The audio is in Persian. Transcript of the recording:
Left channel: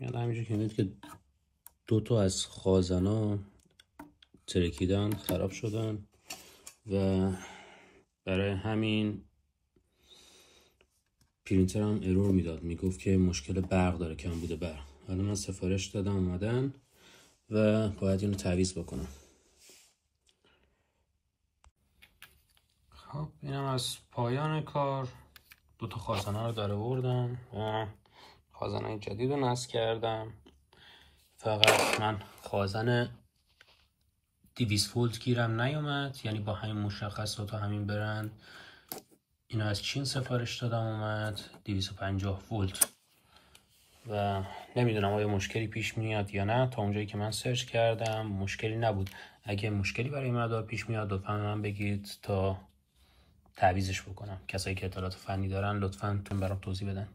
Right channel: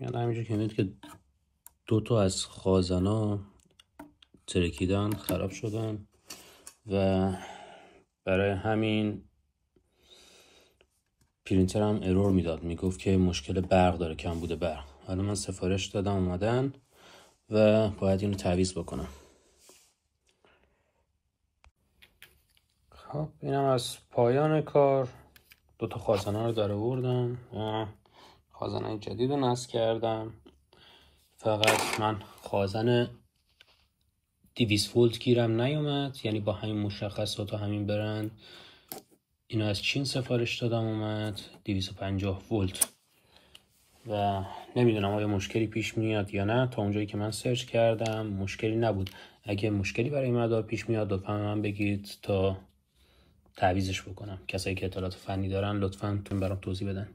یعنی همینجور که میدید که 2 تا از خازنا ترکیدن، خراب شدن و برای همین پرینترم ارور میداد، میگفت که مشکل برق داره، کم بوده برق. حالا من سفارش دادم اومدن و باید اینو تعویض بکنم. خب اینم از پایان کار. 2 تا خازنه رو در آوردم، خازنه جدید رو نصب کردم. فقط من خازن 200 ولت گیرم نیومد، یعنی با همین مشخصات و همین برند. اینو از چین سفارش دادم اومد 250 ولت و نمیدونم آیا مشکلی پیش میاد یا نه. تا اونجایی که من سرچ کردم مشکلی نبود. اگه مشکلی برای مدار پیش میاد لطفا من بگید تا تعویضش بکنم. کسایی که اطلاعات فنی دارن لطفا برام توضیح بدن.